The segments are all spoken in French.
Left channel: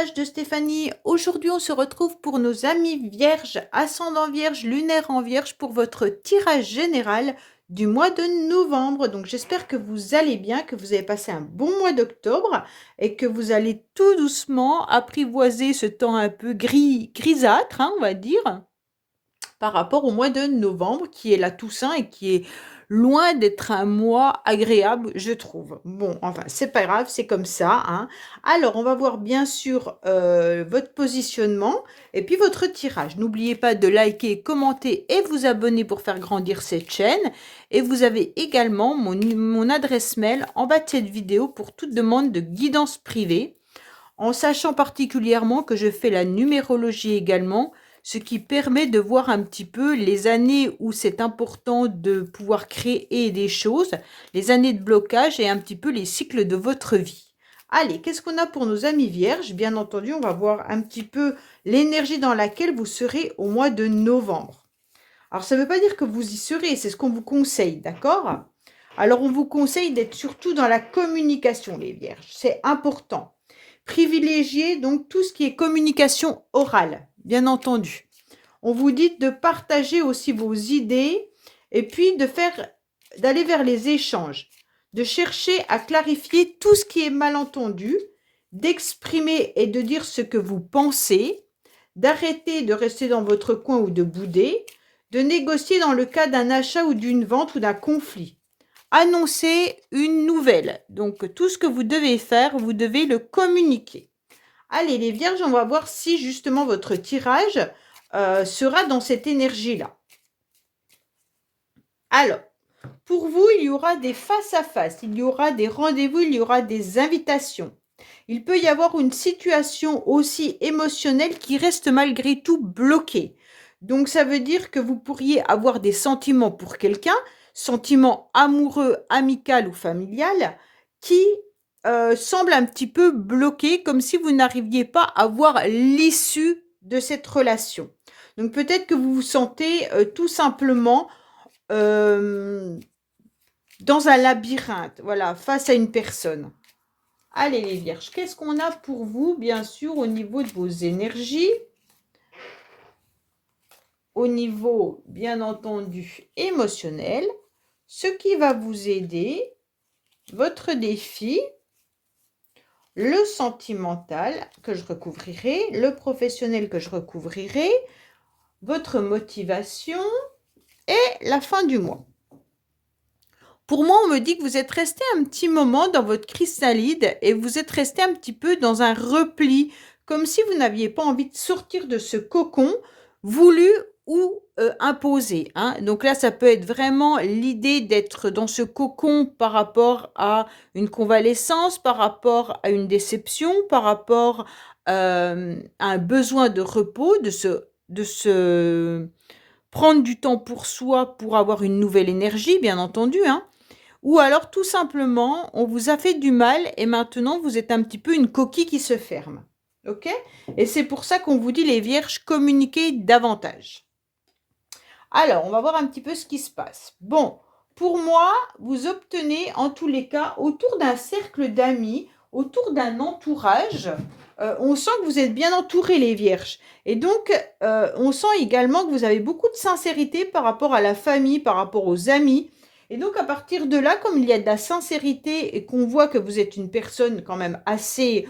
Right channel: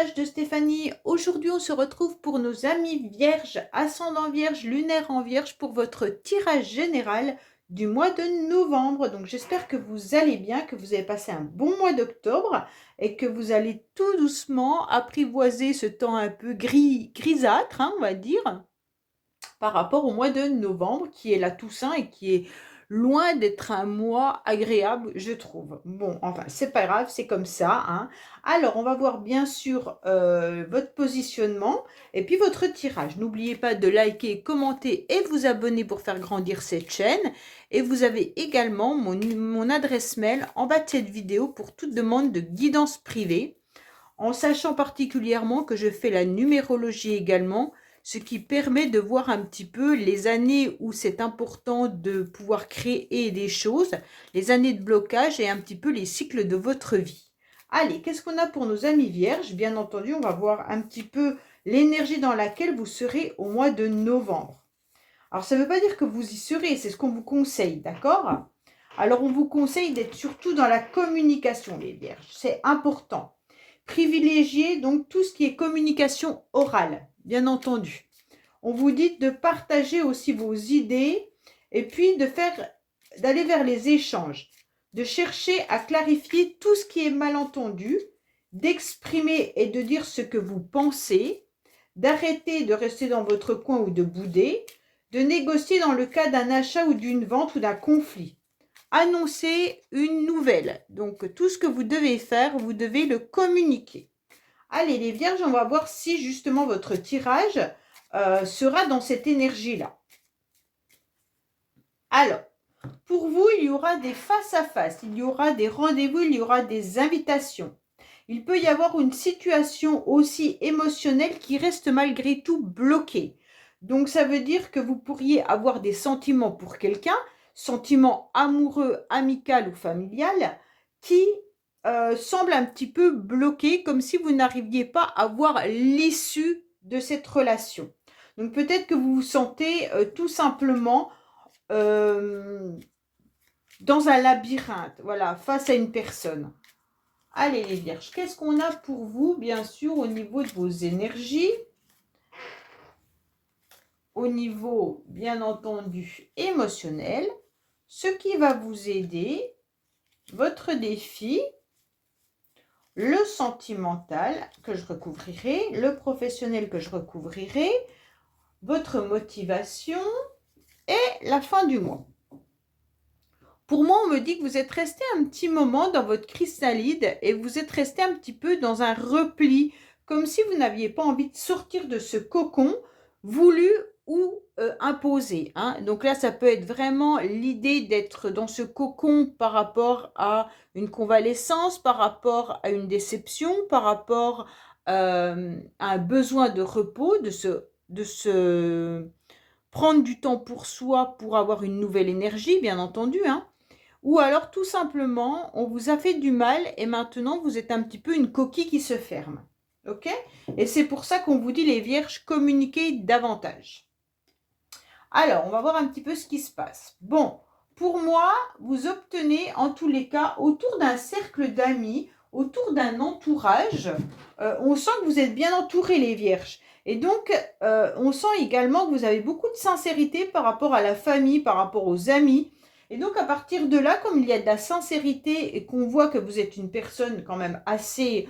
message de Stéphanie. Aujourd'hui, on se retrouve pour nos amis vierges, ascendant vierge, lunaire en vierge, pour votre tirage général du mois de novembre. Donc, j'espère que vous allez bien, que vous avez passé un bon mois d'octobre et que vous allez tout doucement apprivoiser ce temps un peu grisâtre, hein, on va dire, par rapport au mois de novembre, qui est la Toussaint et qui est loin d'être un mois agréable, je trouve. Bon, enfin, c'est pas grave, c'est comme ça, hein. Alors, on va voir bien sûr votre positionnement et puis votre tirage. N'oubliez pas de liker, commenter et vous abonner pour faire grandir cette chaîne. Et vous avez également mon adresse mail en bas de cette vidéo pour toute demande de guidance privée, en sachant particulièrement que je fais la numérologie également, ce qui permet de voir un petit peu les années où c'est important de pouvoir créer des choses, les années de blocage et un petit peu les cycles de votre vie. Allez, qu'est-ce qu'on a pour nos amis vierges? Bien entendu, on va voir un petit peu l'énergie dans laquelle vous serez au mois de novembre. Alors, ça ne veut pas dire que vous y serez, c'est ce qu'on vous conseille, d'accord? Alors, on vous conseille d'être surtout dans la communication, les vierges. C'est important. Privilégiez donc tout ce qui est communication orale, bien entendu. On vous dit de partager aussi vos idées et puis d'aller vers les échanges, de chercher à clarifier tout ce qui est mal entendu, d'exprimer et de dire ce que vous pensez, d'arrêter de rester dans votre coin ou de bouder, de négocier dans le cas d'un achat ou d'une vente ou d'un conflit. Annoncer une nouvelle. Donc, tout ce que vous devez faire, vous devez le communiquer. Allez, les vierges, on va voir si justement votre tirage sera dans cette énergie-là. Alors, pour vous, il y aura des face-à-face, il y aura des rendez-vous, il y aura des invitations. Il peut y avoir une situation aussi émotionnelle qui reste malgré tout bloquée. Donc, ça veut dire que vous pourriez avoir des sentiments pour quelqu'un, sentiments amoureux, amical ou familial, qui semblent un petit peu bloqués, comme si vous n'arriviez pas à voir l'issue de cette relation. Donc, peut-être que vous vous sentez tout simplement dans un labyrinthe, voilà, face à une personne. Allez les vierges, qu'est-ce qu'on a pour vous, bien sûr, au niveau de vos énergies, au niveau, bien entendu, émotionnel, ce qui va vous aider, votre défi, le sentimental que je recouvrirai, le professionnel que je recouvrirai, votre motivation et la fin du mois. Pour moi, on me dit que vous êtes resté un petit moment dans votre chrysalide et vous êtes resté un petit peu dans un repli, comme si vous n'aviez pas envie de sortir de ce cocon voulu ou imposé, hein. Donc là, ça peut être vraiment l'idée d'être dans ce cocon par rapport à une convalescence, par rapport à une déception, par rapport à un besoin de repos, de se prendre du temps pour soi pour avoir une nouvelle énergie, bien entendu, hein. Ou alors tout simplement, on vous a fait du mal et maintenant vous êtes un petit peu une coquille qui se ferme. Ok? Et c'est pour ça qu'on vous dit les vierges, communiquez davantage. Alors, on va voir un petit peu ce qui se passe. Bon, pour moi, vous obtenez en tous les cas, autour d'un cercle d'amis, autour d'un entourage, on sent que vous êtes bien entourés les vierges. Et donc, on sent également que vous avez beaucoup de sincérité par rapport à la famille, par rapport aux amis. Et donc, à partir de là, comme il y a de la sincérité et qu'on voit que vous êtes une personne quand même assez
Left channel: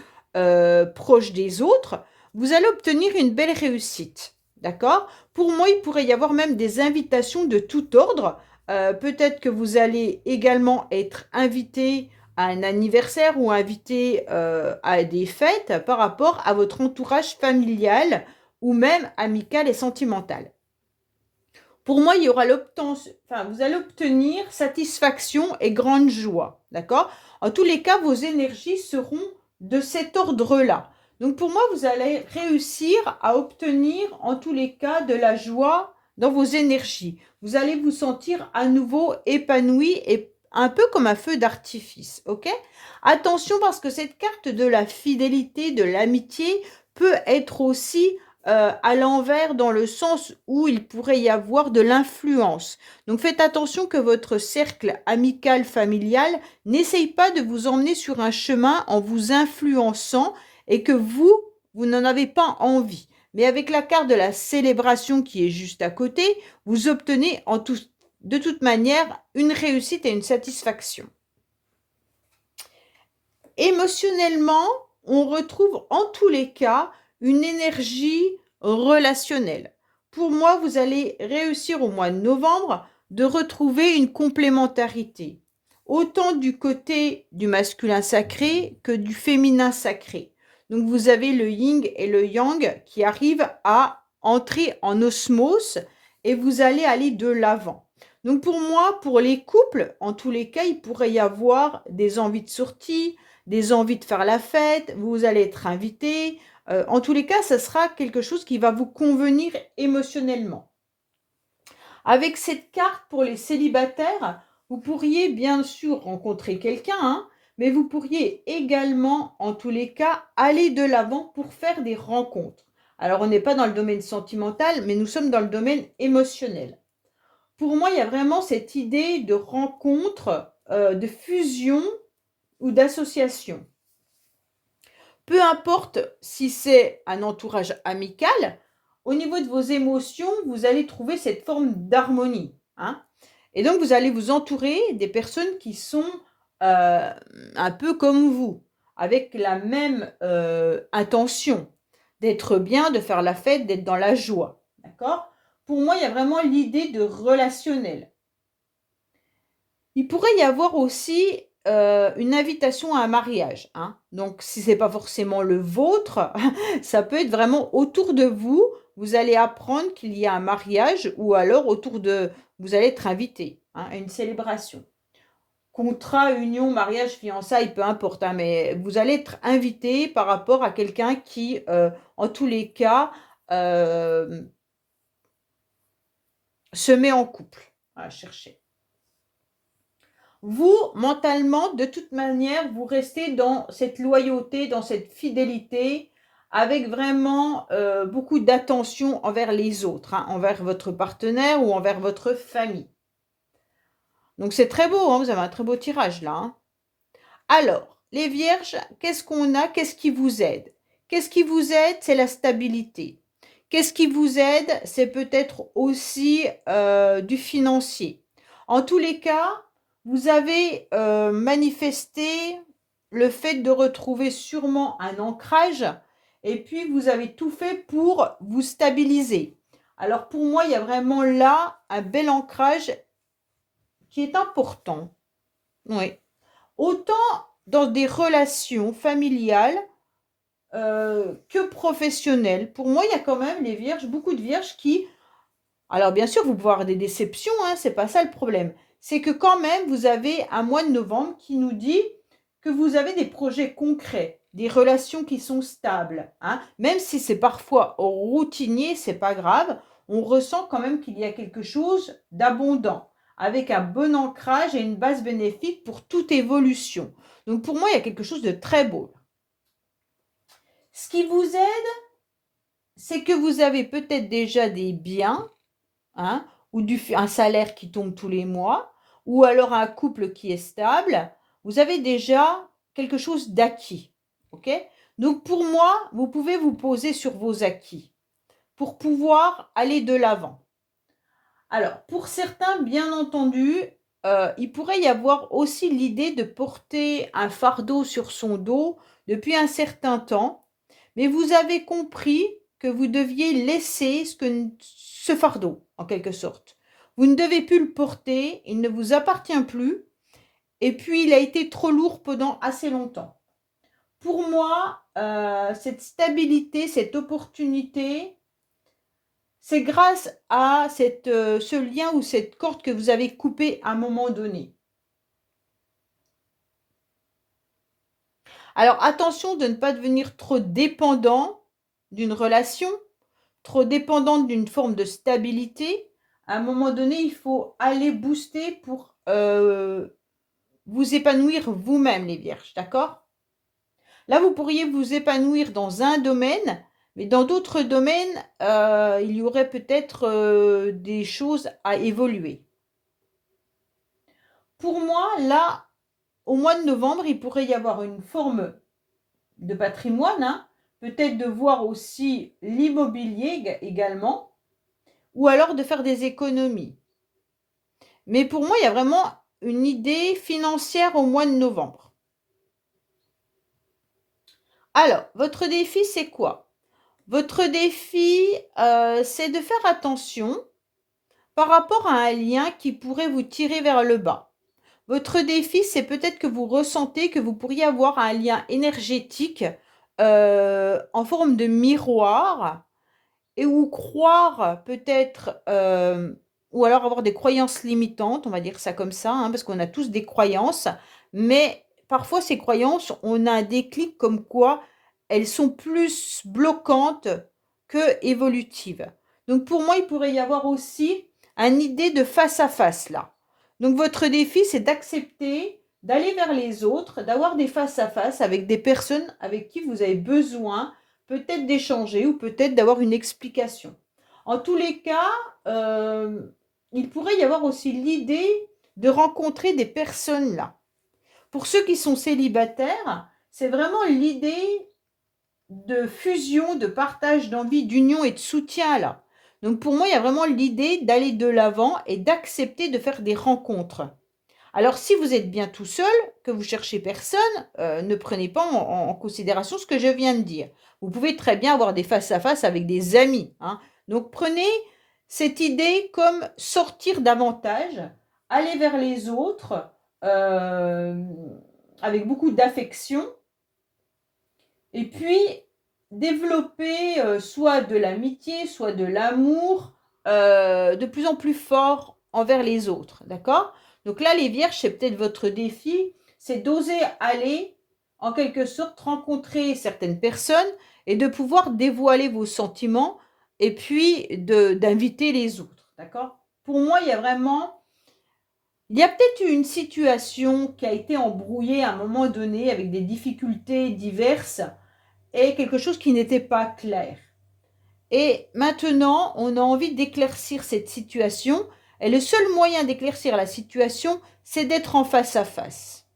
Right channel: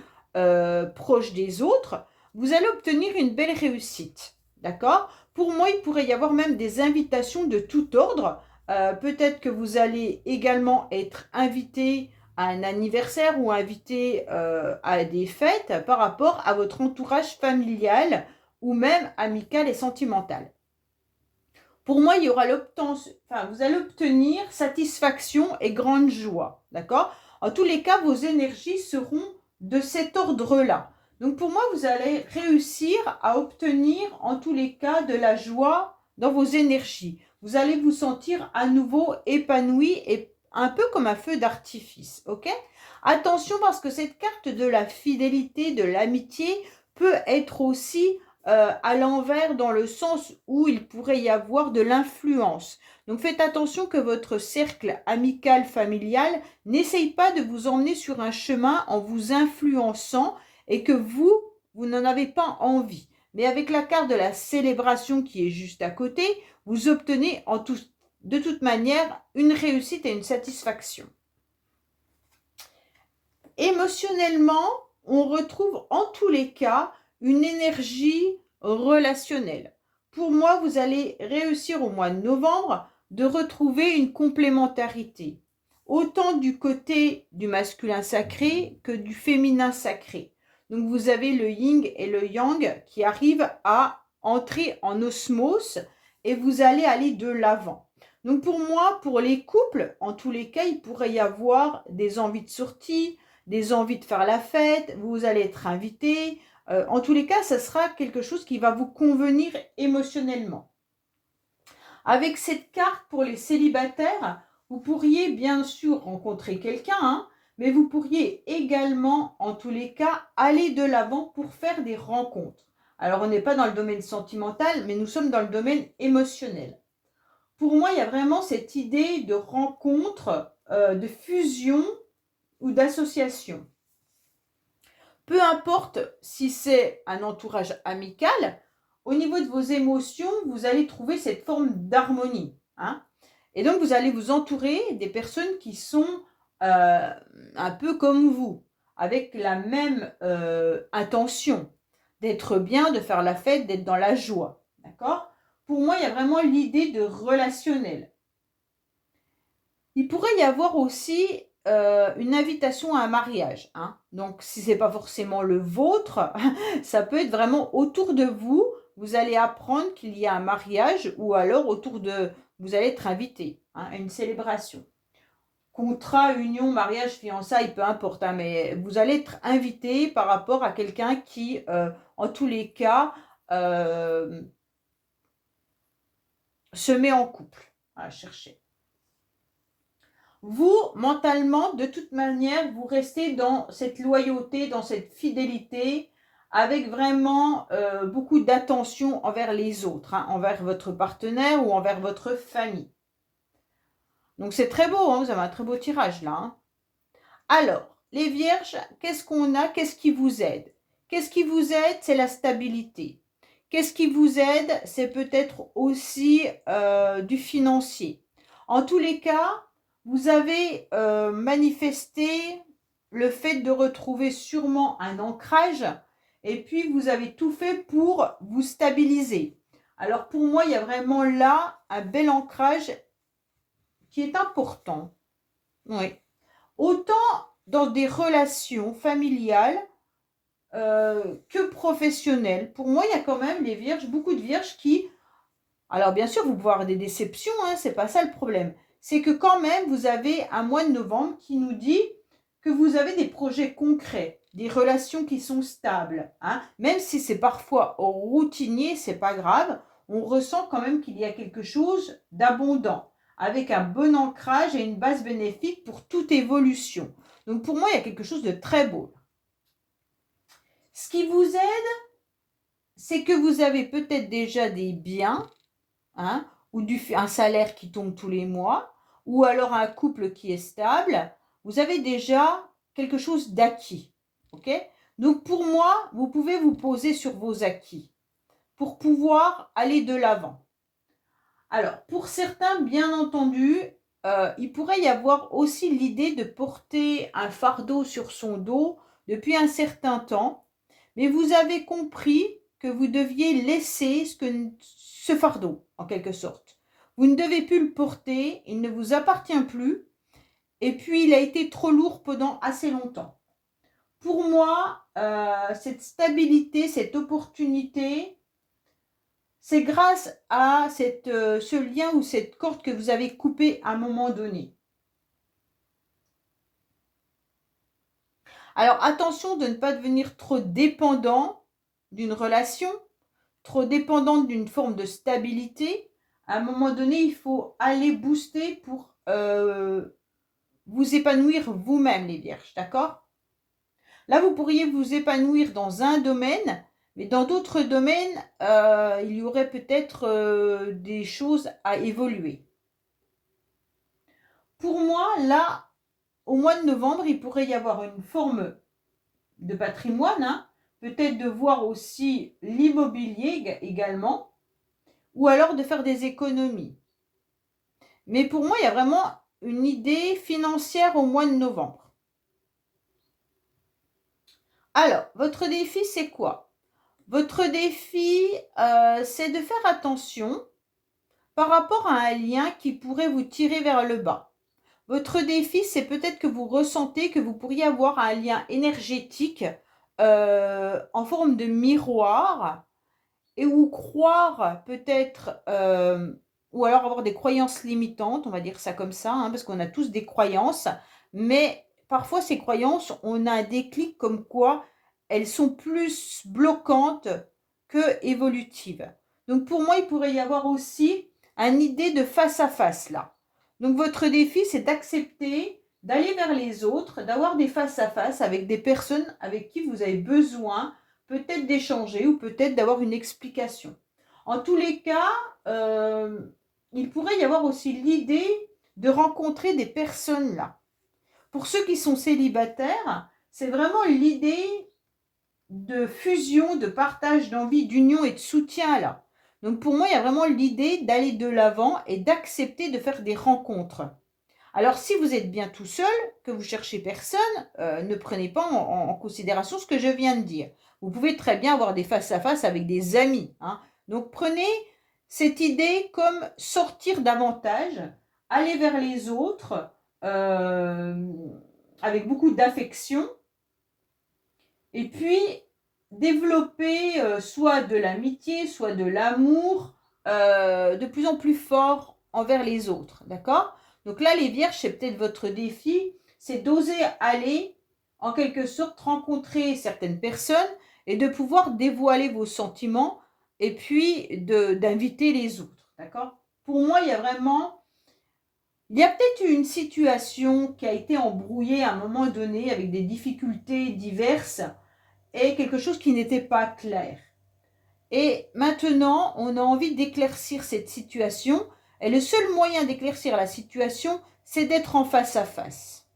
proche des autres, vous allez obtenir une belle réussite. D'accord? Pour moi, il pourrait y avoir même des invitations de tout ordre. Peut-être que vous allez également être invité à un anniversaire ou invité à des fêtes par rapport à votre entourage familial ou même amical et sentimental. Pour moi, il y aura vous allez obtenir satisfaction et grande joie, d'accord? En tous les cas, vos énergies seront de cet ordre-là. Donc pour moi, vous allez réussir à obtenir en tous les cas de la joie dans vos énergies. Vous allez vous sentir à nouveau épanoui et un peu comme un feu d'artifice, ok? Attention parce que cette carte de la fidélité, de l'amitié peut être aussi à l'envers dans le sens où il pourrait y avoir de l'influence. Donc faites attention que votre cercle amical, familial n'essaye pas de vous emmener sur un chemin en vous influençant et que vous vous n'en avez pas envie. Mais avec la carte de la célébration qui est juste à côté, vous obtenez de toute manière une réussite et une satisfaction. Émotionnellement, on retrouve en tous les cas une énergie relationnelle. Pour moi, vous allez réussir au mois de novembre de retrouver une complémentarité, autant du côté du masculin sacré que du féminin sacré. Donc vous avez le yin et le yang qui arrivent à entrer en osmose et vous allez aller de l'avant. Donc pour moi, pour les couples, en tous les cas, il pourrait y avoir des envies de sortie, des envies de faire la fête, vous allez être invité. En tous les cas, ça sera quelque chose qui va vous convenir émotionnellement. Avec cette carte pour les célibataires, vous pourriez bien sûr rencontrer quelqu'un, hein, mais vous pourriez également, en tous les cas, aller de l'avant pour faire des rencontres. Alors, on n'est pas dans le domaine sentimental, mais nous sommes dans le domaine émotionnel. Pour moi, il y a vraiment cette idée de rencontre, de fusion ou d'association. Peu importe si c'est un entourage amical, au niveau de vos émotions, vous allez trouver cette forme d'harmonie, hein. Et donc, vous allez vous entourer des personnes qui sont un peu comme vous, avec la même intention d'être bien, de faire la fête, d'être dans la joie. D'accord? Pour moi, il y a vraiment l'idée de relationnel. Il pourrait y avoir aussi une invitation à un mariage, hein. Donc, si ce n'est pas forcément le vôtre, ça peut être vraiment autour de vous. Vous allez apprendre qu'il y a un mariage ou alors vous allez être invité, hein, à une célébration. Contrat, union, mariage, fiançailles, peu importe, hein, mais vous allez être invité par rapport à quelqu'un qui, en tous les cas, euh, se met en couple. À chercher. Vous, mentalement, de toute manière, vous restez dans cette loyauté, dans cette fidélité, avec vraiment beaucoup d'attention envers les autres, hein, envers votre partenaire ou envers votre famille. Donc c'est très beau, hein, vous avez un très beau tirage là, hein. Alors, les vierges, qu'est-ce qu'on a? Qu'est-ce qui vous aide? Qu'est-ce qui vous aide? C'est la stabilité. Qu'est-ce qui vous aide? C'est peut-être aussi du financier. En tous les cas, vous avez manifesté le fait de retrouver sûrement un ancrage et puis vous avez tout fait pour vous stabiliser. Alors pour moi, il y a vraiment là un bel ancrage qui est important. Oui. Autant dans des relations familiales que professionnelles. Pour moi, il y a quand même les vierges, beaucoup de vierges qui... Alors bien sûr, vous pouvez avoir des déceptions, hein, c'est pas ça le problème. C'est que quand même, vous avez un mois de novembre qui nous dit que vous avez des projets concrets, des relations qui sont stables, hein. Même si c'est parfois routinier, c'est pas grave, on ressent quand même qu'il y a quelque chose d'abondant, avec un bon ancrage et une base bénéfique pour toute évolution. Donc pour moi, il y a quelque chose de très beau. Ce qui vous aide, c'est que vous avez peut-être déjà des biens, hein, ou un salaire qui tombe tous les mois, ou alors un couple qui est stable. Vous avez déjà quelque chose d'acquis. Ok? Donc pour moi, vous pouvez vous poser sur vos acquis pour pouvoir aller de l'avant. Alors, pour certains, bien entendu, il pourrait y avoir aussi l'idée de porter un fardeau sur son dos depuis un certain temps, mais vous avez compris que vous deviez laisser ce fardeau, en quelque sorte. Vous ne devez plus le porter, il ne vous appartient plus, et puis il a été trop lourd pendant assez longtemps. Pour moi, cette stabilité, cette opportunité, c'est grâce à ce lien ou cette corde que vous avez coupée à un moment donné. Alors attention de ne pas devenir trop dépendant d'une relation, trop dépendante d'une forme de stabilité. À un moment donné, il faut aller booster pour vous épanouir vous-même, les vierges, d'accord? Là, vous pourriez vous épanouir dans un domaine, mais dans d'autres domaines, il y aurait peut-être des choses à évoluer. Pour moi, là, au mois de novembre, il pourrait y avoir une forme de patrimoine, hein, peut-être de voir aussi l'immobilier également, ou alors de faire des économies. Mais pour moi, il y a vraiment une idée financière au mois de novembre. Alors, votre défi, c'est quoi? Votre défi, c'est de faire attention par rapport à un lien qui pourrait vous tirer vers le bas. Votre défi, c'est peut-être que vous ressentez que vous pourriez avoir un lien énergétique en forme de miroir et ou croire peut-être, ou alors avoir des croyances limitantes, on va dire ça comme ça, hein, parce qu'on a tous des croyances, mais parfois ces croyances, on a un déclic comme quoi elles sont plus bloquantes que évolutives. Donc pour moi, il pourrait y avoir aussi une idée de face à face là. Donc votre défi, c'est d'accepter d'aller vers les autres, d'avoir des face à face avec des personnes avec qui vous avez besoin peut-être d'échanger ou peut-être d'avoir une explication. En tous les cas, il pourrait y avoir aussi l'idée de rencontrer des personnes là. Pour ceux qui sont célibataires, c'est vraiment l'idée de fusion, de partage d'envie, d'union et de soutien là. Donc pour moi, il y a vraiment l'idée d'aller de l'avant et d'accepter de faire des rencontres. Alors si vous êtes bien tout seul, que vous cherchez personne, ne prenez pas en considération ce que je viens de dire. Vous pouvez très bien avoir des face-à-face avec des amis, hein. Donc prenez cette idée comme sortir davantage, aller vers les autres avec beaucoup d'affection et puis développer soit de l'amitié, soit de l'amour de plus en plus fort envers les autres, d'accord? Donc là, les vierges, c'est peut-être votre défi, c'est d'oser aller, en quelque sorte, rencontrer certaines personnes et de pouvoir dévoiler vos sentiments et puis d'inviter les autres, d'accord? Pour moi, il y a peut-être eu une situation qui a été embrouillée à un moment donné avec des difficultés diverses et quelque chose qui n'était pas clair. Et maintenant, on a envie d'éclaircir cette situation. Et le seul moyen d'éclaircir la situation, c'est d'être en face à face.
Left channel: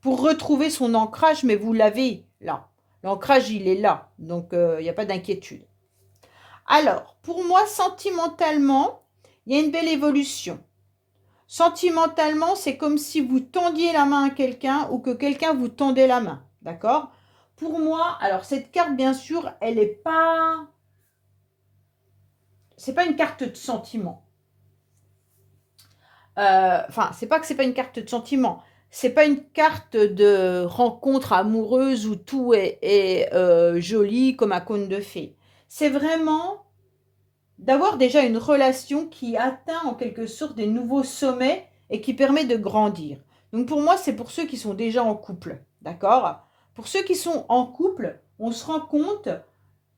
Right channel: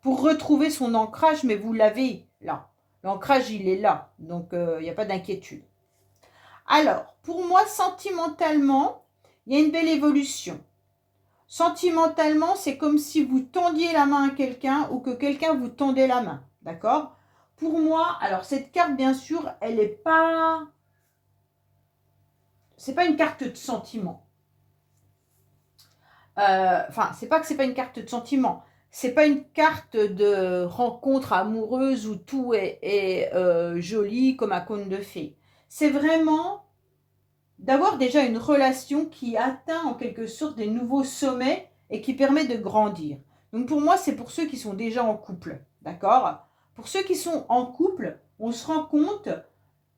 Pour retrouver son ancrage, mais vous l'avez là. L'ancrage, il est là. Donc, il n'y a pas d'inquiétude. Alors, pour moi, sentimentalement, il y a une belle évolution. Sentimentalement, c'est comme si vous tendiez la main à quelqu'un ou que quelqu'un vous tendait la main. D'accord? Pour moi, alors cette carte, bien sûr, elle n'est pas... C'est pas une carte de sentiment. Enfin, c'est pas que c'est pas une carte de sentiment. C'est pas une carte de rencontre amoureuse où tout est joli comme un conte de fées. C'est vraiment d'avoir déjà une relation qui atteint en quelque sorte des nouveaux sommets et qui permet de grandir. Donc pour moi, c'est pour ceux qui sont déjà en couple, d'accord? Pour ceux qui sont en couple, on se rend compte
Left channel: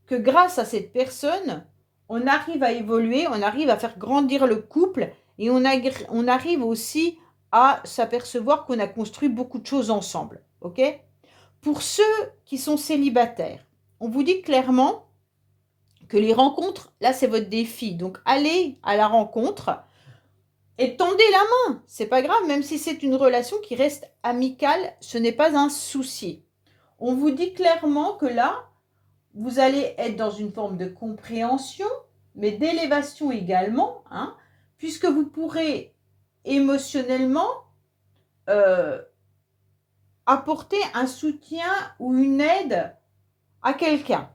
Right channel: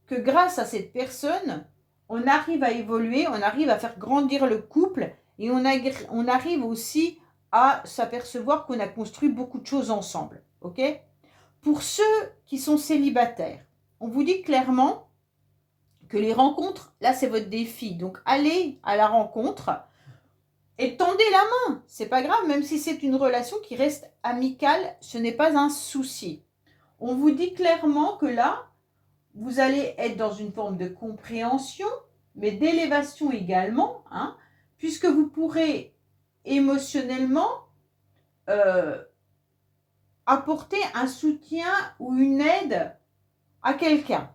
que grâce à cette personne, on arrive à évoluer, on arrive à faire grandir le couple et on arrive aussi à s'apercevoir qu'on a construit beaucoup de choses ensemble, ok? Pour ceux qui sont célibataires, on vous dit clairement que les rencontres, là c'est votre défi. Donc allez à la rencontre et tendez la main. C'est pas grave, même si c'est une relation qui reste amicale, ce n'est pas un souci. On vous dit clairement que là, vous allez être dans une forme de compréhension, mais d'élévation également, hein, puisque vous pourrez émotionnellement apporter un soutien ou une aide à quelqu'un.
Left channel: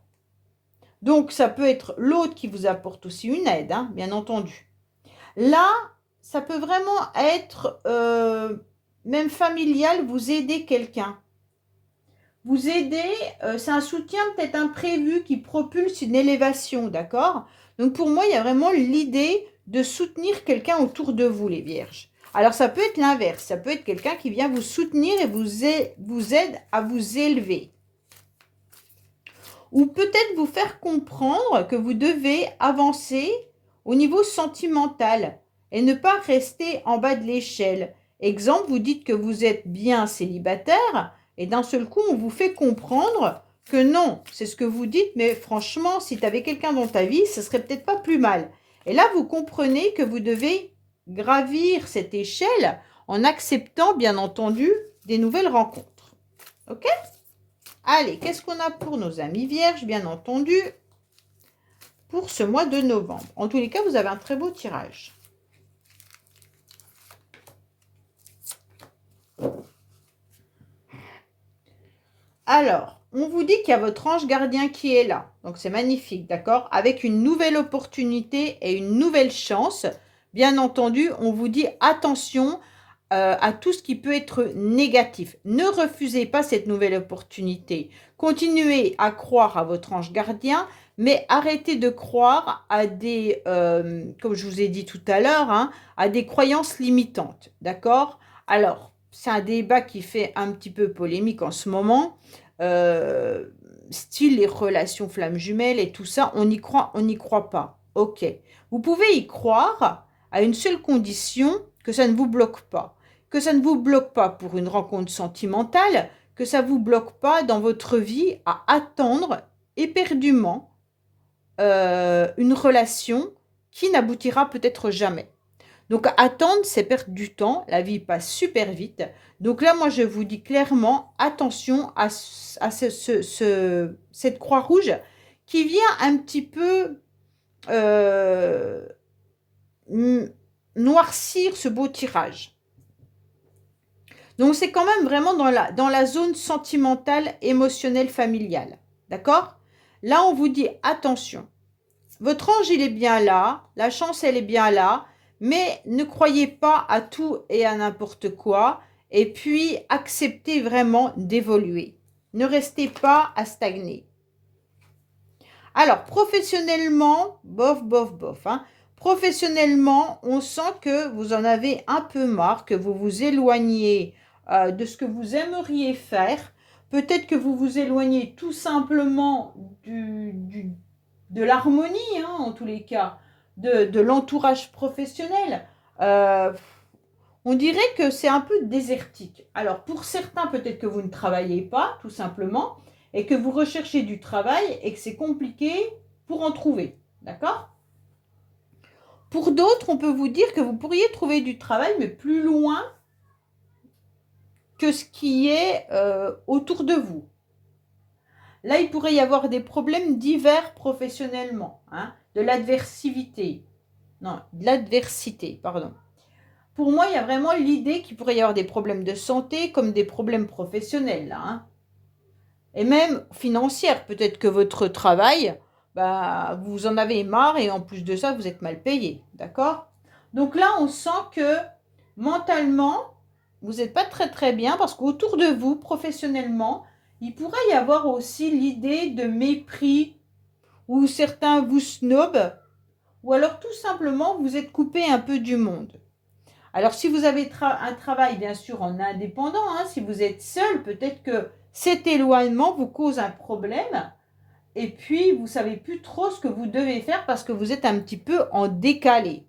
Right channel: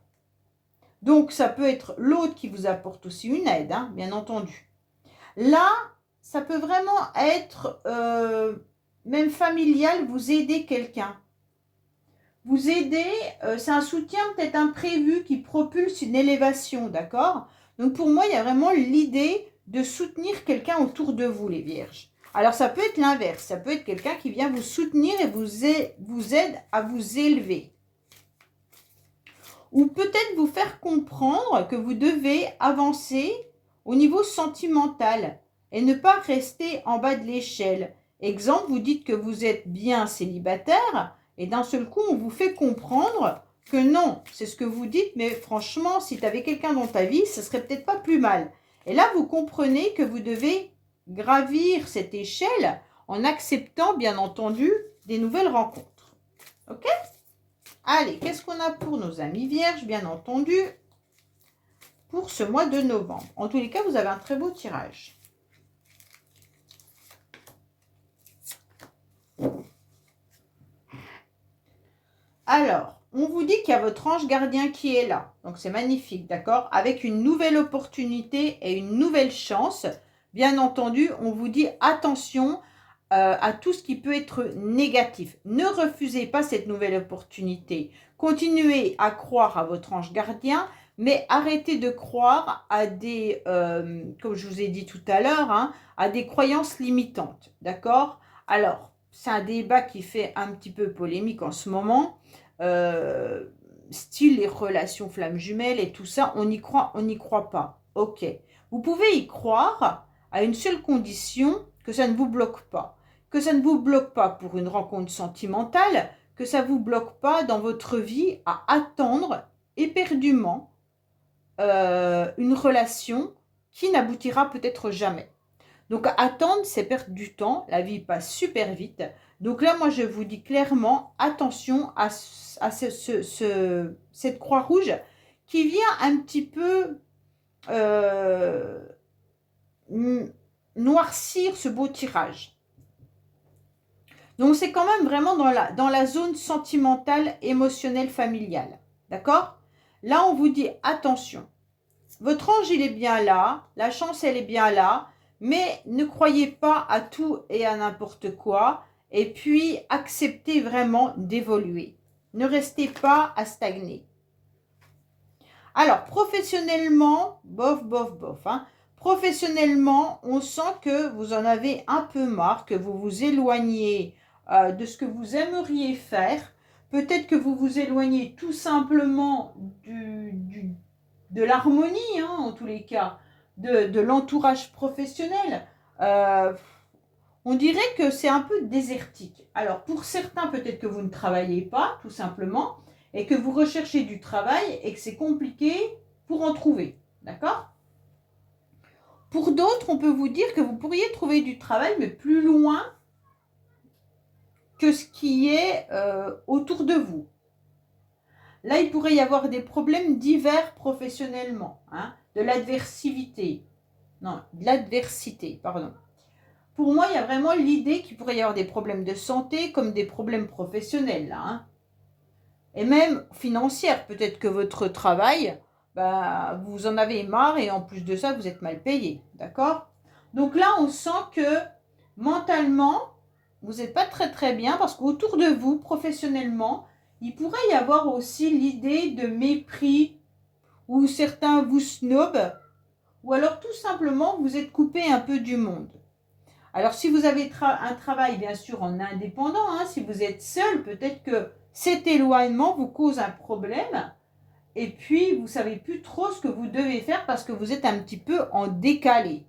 Donc, ça peut être l'autre qui vous apporte aussi une aide, hein, bien entendu. Là, ça peut vraiment être, même familial, vous aider quelqu'un. Vous aider, c'est un soutien peut-être imprévu qui propulse une élévation, d'accord? Donc pour moi, il y a vraiment l'idée de soutenir quelqu'un autour de vous, les vierges. Alors ça peut être l'inverse, ça peut être quelqu'un qui vient vous soutenir et vous aide à vous élever. Ou peut-être vous faire comprendre que vous devez avancer au niveau sentimental et ne pas rester en bas de l'échelle. Exemple, vous dites que vous êtes bien célibataire et d'un seul coup, on vous fait comprendre que non, c'est ce que vous dites, mais franchement, si tu avais quelqu'un dans ta vie, ce serait peut-être pas plus mal. Et là, vous comprenez que vous devez gravir cette échelle en acceptant, bien entendu, des nouvelles rencontres. Ok? Allez, qu'est-ce qu'on a pour nos amis vierges, bien entendu, pour ce mois de novembre? En tous les cas, vous avez un très beau tirage. Alors, on vous dit qu'il y a votre ange gardien qui est là. Donc, c'est magnifique, d'accord? Avec une nouvelle opportunité et une nouvelle chance. Bien entendu, on vous dit attention à tout ce qui peut être négatif. Ne refusez pas cette nouvelle opportunité. Continuez à croire à votre ange gardien, mais arrêtez de croire à des, comme je vous ai dit tout à l'heure, hein, à des croyances limitantes, d'accord? Alors, c'est un débat qui fait un petit peu polémique en ce moment. Euh, Style les relations flammes jumelles et tout ça, on n'y croit pas. Ok. Vous pouvez y croire à une seule condition, que ça ne vous bloque pas. Que ça ne vous bloque pas pour une rencontre sentimentale, que ça ne vous bloque pas dans votre vie à attendre éperdument une relation qui n'aboutira peut-être jamais. Donc attendre, c'est perdre du temps, la vie passe super vite. Donc là, moi, je vous dis clairement, attention à cette croix rouge qui vient un petit peu euh, noircir ce beau tirage. Donc c'est quand même vraiment dans la zone sentimentale, émotionnelle, familiale. D'accord? Là, on vous dit attention. Votre ange, il est bien là, la chance, elle est bien là, mais ne croyez pas à tout et à n'importe quoi, et puis acceptez vraiment d'évoluer. Ne restez pas à stagner. Alors, professionnellement, bof, bof, bof. Hein. Professionnellement, on sent que vous en avez un peu marre, que vous vous éloignez de ce que vous aimeriez faire. Peut-être que vous vous éloignez tout simplement de l'harmonie, hein, en tous les cas, de l'entourage professionnel. On dirait que c'est un peu désertique. Alors, pour certains, peut-être que vous ne travaillez pas, tout simplement, et que vous recherchez du travail et que c'est compliqué pour en trouver. D'accord? Pour d'autres, on peut vous dire que vous pourriez trouver du travail, mais plus loin que ce qui est autour de vous. Là, il pourrait y avoir des problèmes divers professionnellement, hein, de l'adversité. Non, de l'adversité, pardon. Pour moi, il y a vraiment l'idée qu'il pourrait y avoir des problèmes de santé comme des problèmes professionnels, là, hein. Et même financières. Peut-être que votre travail, bah, vous en avez marre et en plus de ça, vous êtes mal payé. D'accord? Donc là, on sent que mentalement, vous n'êtes pas très très bien parce qu'autour de vous, professionnellement, il pourrait y avoir aussi l'idée de mépris où certains vous snobent ou alors tout simplement vous êtes coupé un peu du monde. Alors, si vous avez un travail, bien sûr, en indépendant, hein, si vous êtes seul, peut-être que cet éloignement vous cause un problème et puis vous ne savez plus trop ce que vous devez faire parce que vous êtes un petit peu en décalé.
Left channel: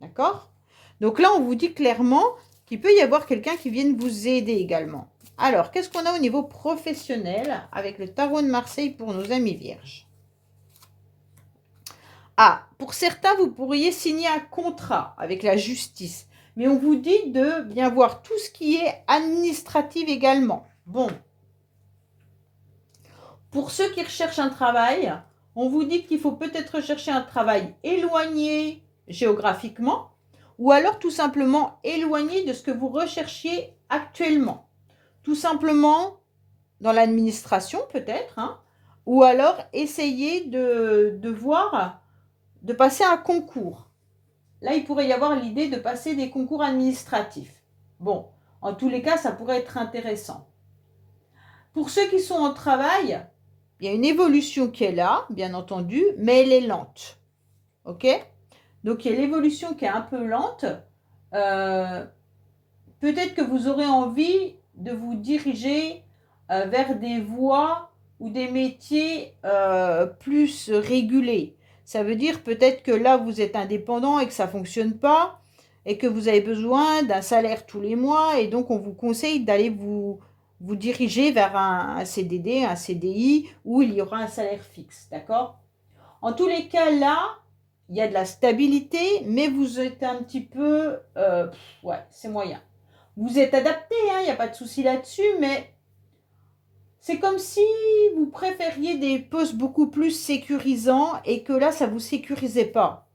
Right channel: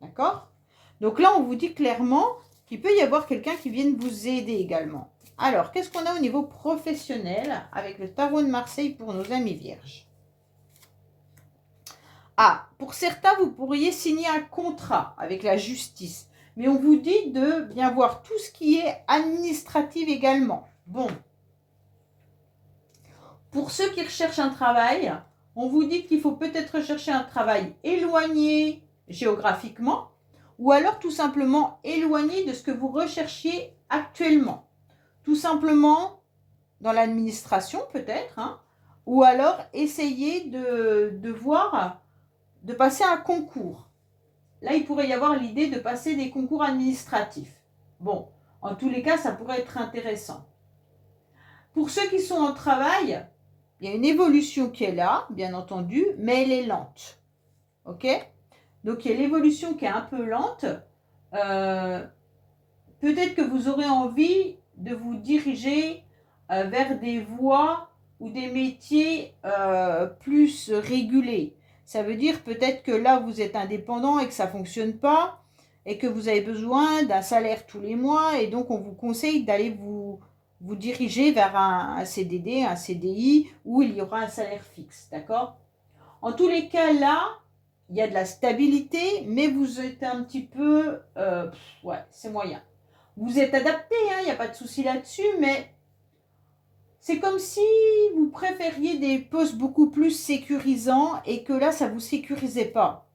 D'accord? Donc là, on vous dit clairement qu'il peut y avoir quelqu'un qui vienne vous aider également. Alors, qu'est-ce qu'on a au niveau professionnel avec le tarot de Marseille pour nos amis vierges? Ah, pour certains, vous pourriez signer un contrat avec la justice. Mais on vous dit de bien voir tout ce qui est administratif également. Bon. Pour ceux qui recherchent un travail, on vous dit qu'il faut peut-être rechercher un travail éloigné géographiquement ou alors tout simplement éloigné de ce que vous recherchiez actuellement. Tout simplement dans l'administration peut-être, hein, ou alors essayer de voir, de passer un concours. Là, il pourrait y avoir l'idée de passer des concours administratifs. Bon, en tous les cas, ça pourrait être intéressant. Pour ceux qui sont en travail, il y a une évolution qui est là, bien entendu, mais elle est lente. OK? Donc, il y a l'évolution qui est un peu lente. Peut-être que vous aurez envie de vous diriger vers des voies ou des métiers plus régulés. Ça veut dire peut-être que là, vous êtes indépendant et que ça ne fonctionne pas et que vous avez besoin d'un salaire tous les mois et donc on vous conseille d'aller vous diriger vers un CDD, un CDI où il y aura un salaire fixe, d'accord? En tous les cas, là, il y a de la stabilité, mais vous êtes un petit peu... ouais, c'est moyen. Vous êtes adapté, hein, il n'y a pas de souci là-dessus, mais c'est comme si vous préfériez des postes beaucoup plus sécurisants et que là, ça ne vous sécurisait pas.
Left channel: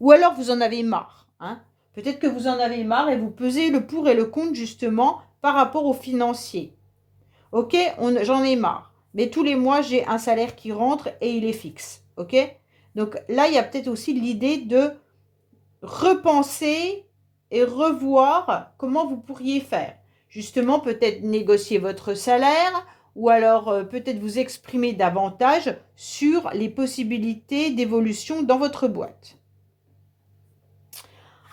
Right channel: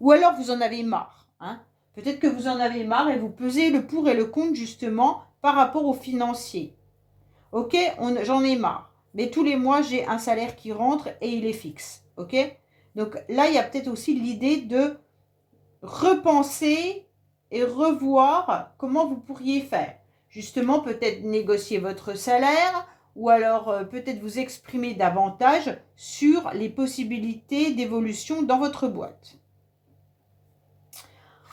Ou alors, vous en avez marre. Hein. Peut-être que vous en avez marre et vous pesez le pour et le contre justement par rapport aux financiers. Ok, j'en ai marre. Mais tous les mois, j'ai un salaire qui rentre et il est fixe. Ok. Donc là, il y a peut-être aussi l'idée de repenser et revoir comment vous pourriez faire. Justement, peut-être négocier votre salaire ou alors peut-être vous exprimer davantage sur les possibilités d'évolution dans votre boîte.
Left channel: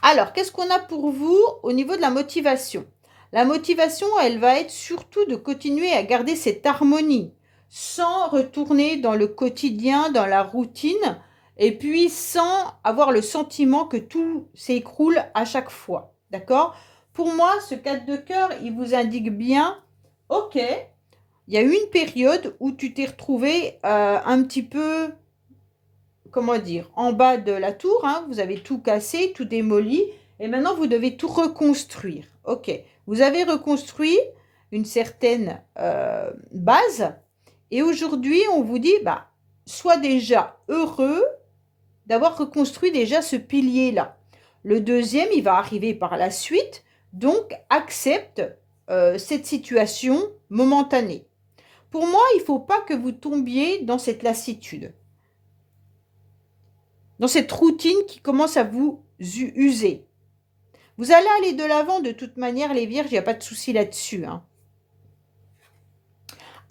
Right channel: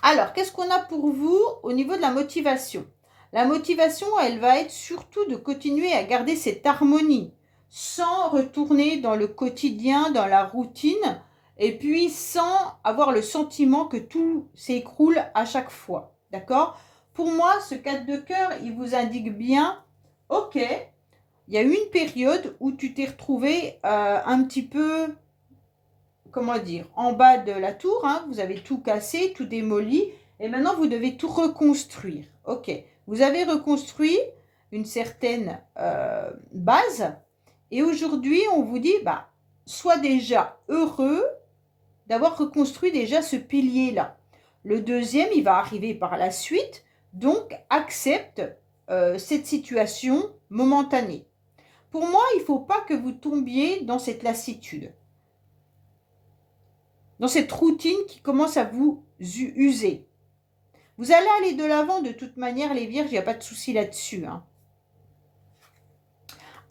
Alors, qu'est-ce qu'on a pour vous au niveau de la motivation? La motivation, elle va être surtout de continuer à garder cette harmonie sans retourner dans le quotidien, dans la routine, et puis sans avoir le sentiment que tout s'écroule à chaque fois. D'accord? Pour moi, ce 4 de cœur, il vous indique bien, ok, il y a eu une période où tu t'es retrouvé un petit peu, comment dire, en bas de la tour, hein, vous avez tout cassé, tout démoli, et maintenant vous devez tout reconstruire. Ok, vous avez reconstruit une certaine base, et aujourd'hui on vous dit, bah, sois déjà heureux d'avoir reconstruit déjà ce pilier-là. Le deuxième, il va arriver par la suite, donc accepte cette situation momentanée. Pour moi, il ne faut pas que vous tombiez dans cette lassitude, dans cette routine qui commence à vous user. Vous allez aller de l'avant de toute manière, les vierges, il n'y a pas de souci là-dessus. Hein.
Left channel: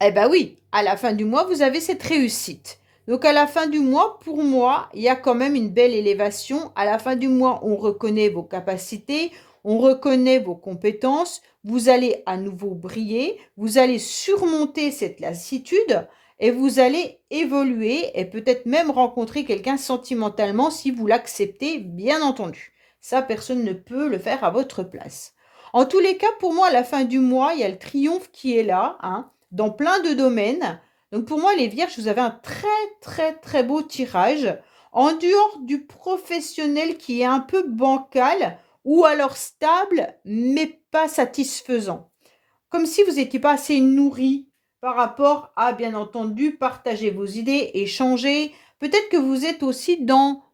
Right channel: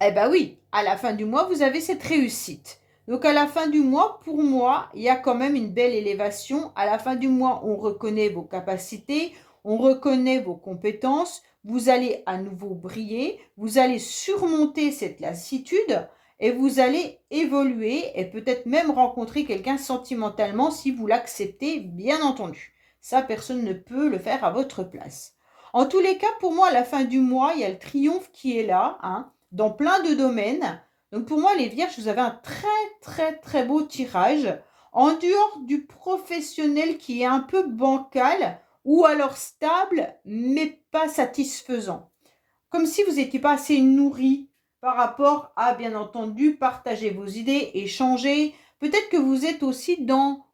Eh bien oui, à la fin du mois, vous avez cette réussite. Donc à la fin du mois, pour moi, il y a quand même une belle élévation. À la fin du mois, on reconnaît vos capacités, on reconnaît vos compétences, vous allez à nouveau briller, vous allez surmonter cette lassitude et vous allez évoluer et peut-être même rencontrer quelqu'un sentimentalement si vous l'acceptez, bien entendu. Ça, personne ne peut le faire à votre place. En tous les cas, pour moi, à la fin du mois, il y a le triomphe qui est là, hein, dans plein de domaines. Donc pour moi, les vierges, vous avez un très beau tirage. En dehors du professionnel qui est un peu bancal ou alors stable, mais pas satisfaisant. Comme si vous n'étiez pas assez nourri par rapport à, bien entendu, partager vos idées, échanger. Peut-être que vous êtes aussi dans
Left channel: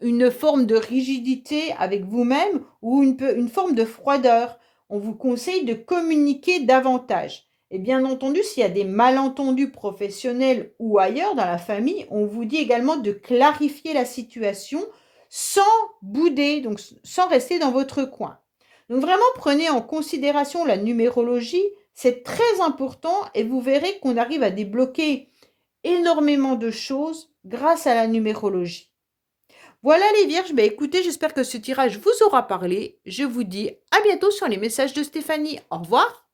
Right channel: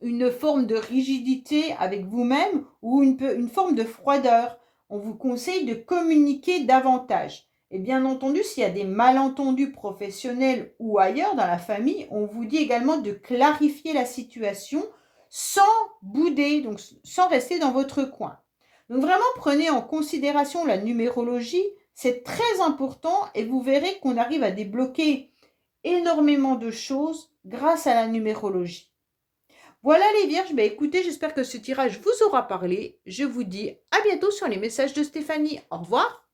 une forme de rigidité avec vous-même ou une forme de froideur. On vous conseille de communiquer davantage. Et bien entendu, s'il y a des malentendus professionnels ou ailleurs dans la famille, on vous dit également de clarifier la situation sans bouder, donc sans rester dans votre coin. Donc vraiment, prenez en considération la numérologie, c'est très important et vous verrez qu'on arrive à débloquer énormément de choses grâce à la numérologie. Voilà les vierges, bah écoutez, j'espère que ce tirage vous aura parlé. Je vous dis à bientôt sur les messages de Stéphanie. Au revoir.